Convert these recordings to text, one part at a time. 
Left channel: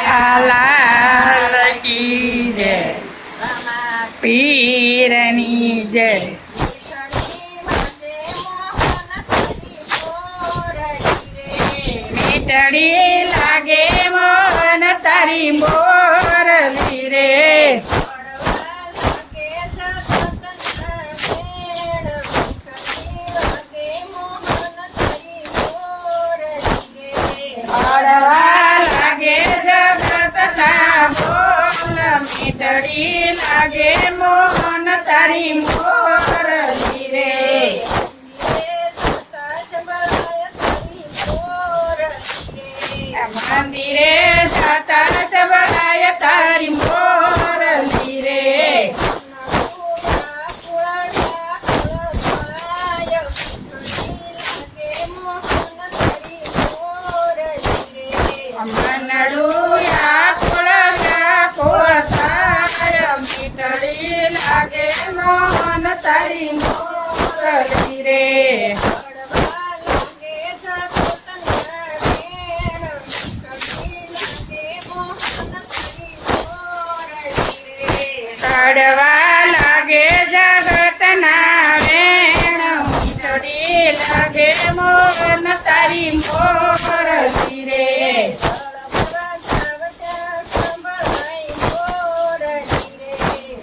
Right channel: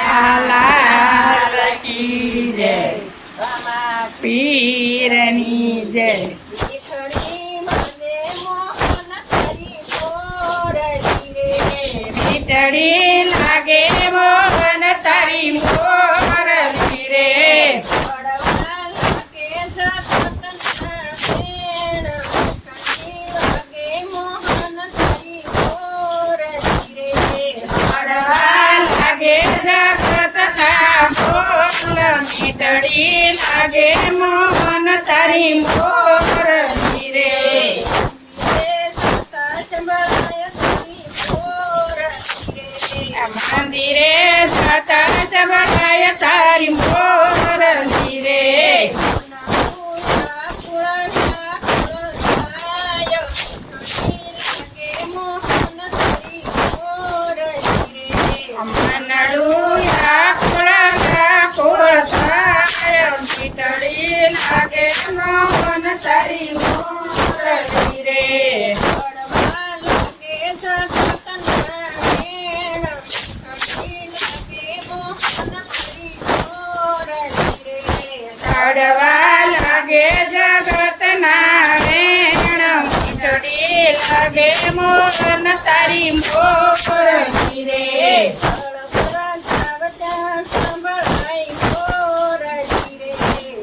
લાલ કી જય, પીરની જય. મીઠડી લાગે મોહન તારી મોરલી રે, મીઠડી લાગે મોહન તારી મોરલી રે. મંદિરે જાતા સંભળાય તારી મોરલી રે, મનડુયા કુળ થાય, મીઠડી લાગે મોહન તારી મોરલી રે. કાઢવા લાગે જગતના વેણ, મીઠડી લાગે મોહન તારી મોરલી રે.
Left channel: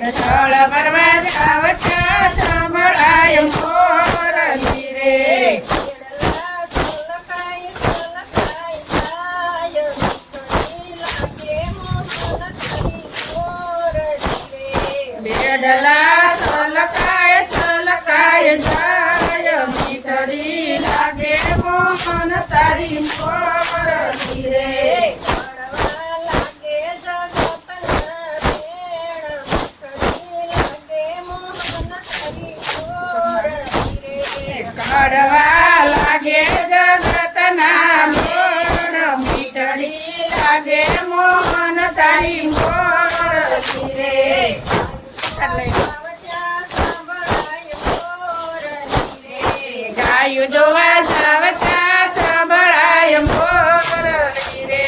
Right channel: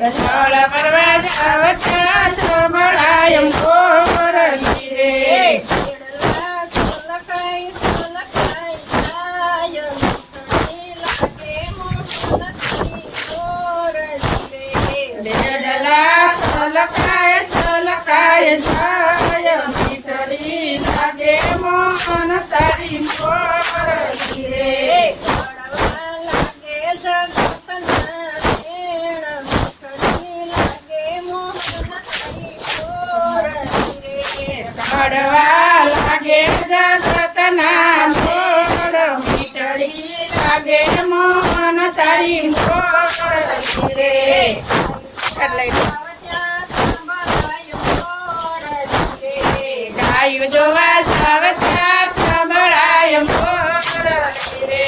જળ ભરવા જાવતા સંભળાય મોરલી રે, દેડલા સલકાય સલકાય જાય, મીઠડી લાગે મોહન તારી મોરલી રે. કાઢવા લાગે જગતના મોર, મીઠડી લાગે મોહન તારી મોરલી રે. ગાયું જોવા જાવતા સંભળાય મોરલી રે,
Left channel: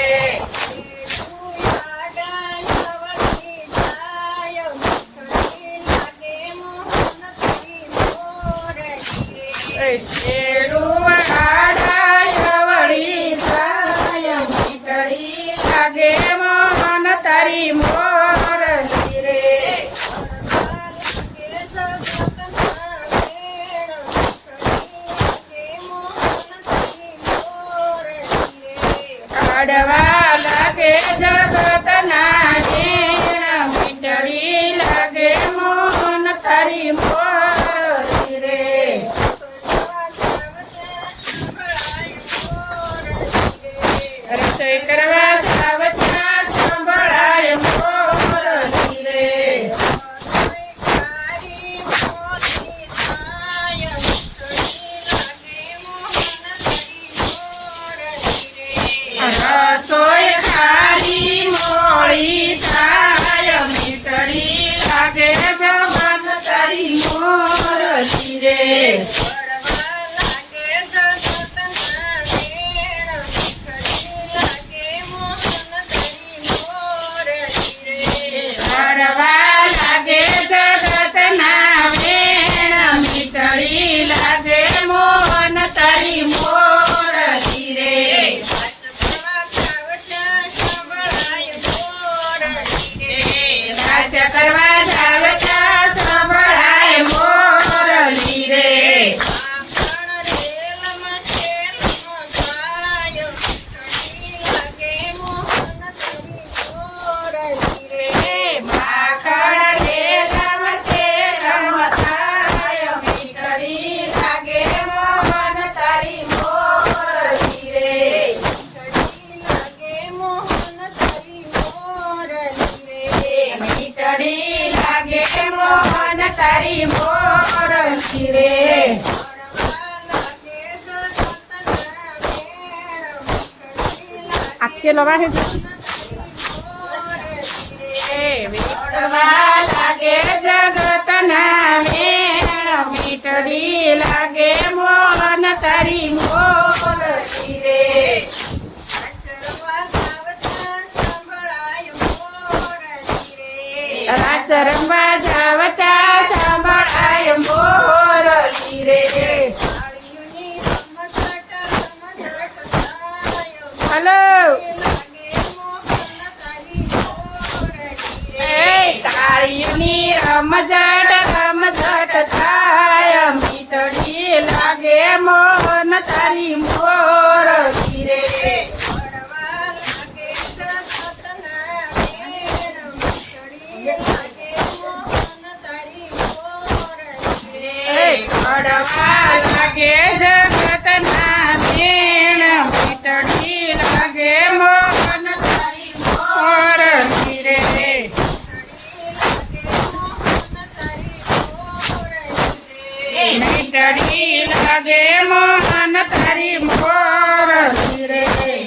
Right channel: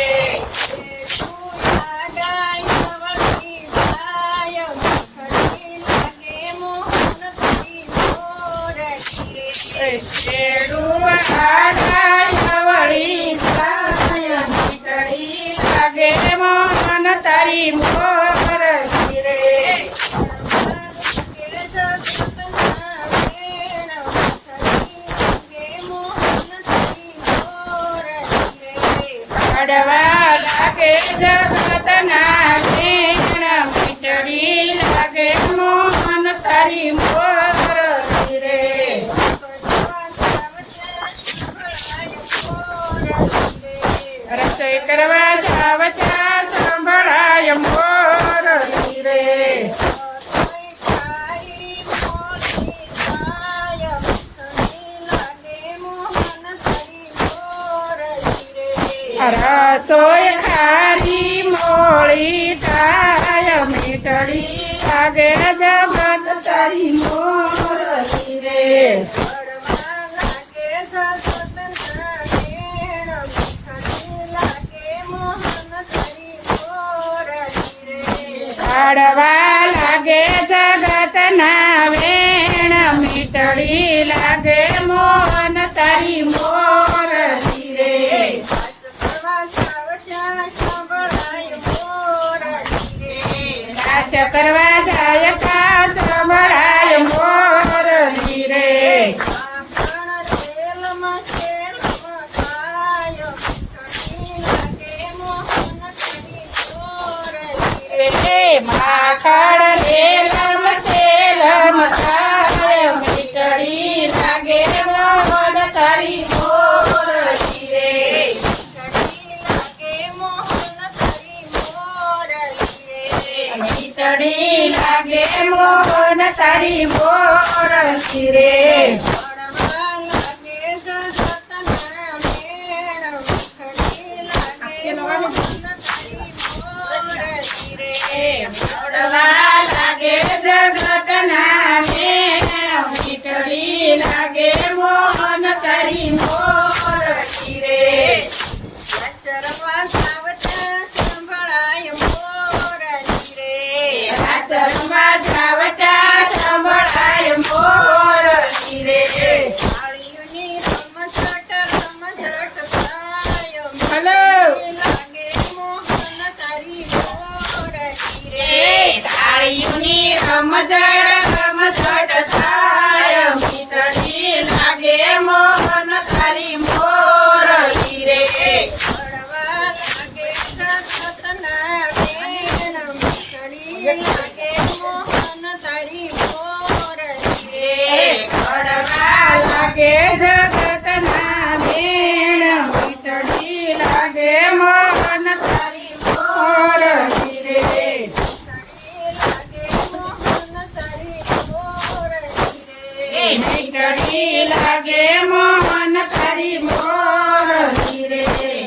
શેડું આડાય વળી જાય, મીઠડી લાગે મોહન તારી મોરલી રે. કાઢવા લાગે જગતના વેણ, મીઠડી લાગે મોહન તારી મોરલી રે. રસોઈ કરવા જાવતા સંભળાય મોરલી રે, રસોઈ ખારી મોળી થાય, મીઠડી લાગે જગત તારી મોરલી રે. કાઢવા લાગે જગતના વેણ, મીઠડી લાગે મોહન તારી મોરલી રે. નાચ કરવા જાવતા સંભળાય મોરલી રે, માખણ રેલમ સેલમ થાય, મીઠડી લાગે મોહન તારી મોરલી રે. મીઠડી લાગે મોહન તારી મોરલી રે. આપકે લગાડે લાગે જગતના વેણ, મીઠડી લાગે મોહન તારી મોરલી રે. રમવા જાવતા સંભળાય મોરલી રે હલો તાળીઓની રમઝટ થાય મીઠડી લાગે મોહન તારી મોરલી રે પડવા લાગે જગતના બેન મીઠડી લાગે મોહન તારી મોરલી રે મીઠડી લાગે મોહન તારી મોરલી રે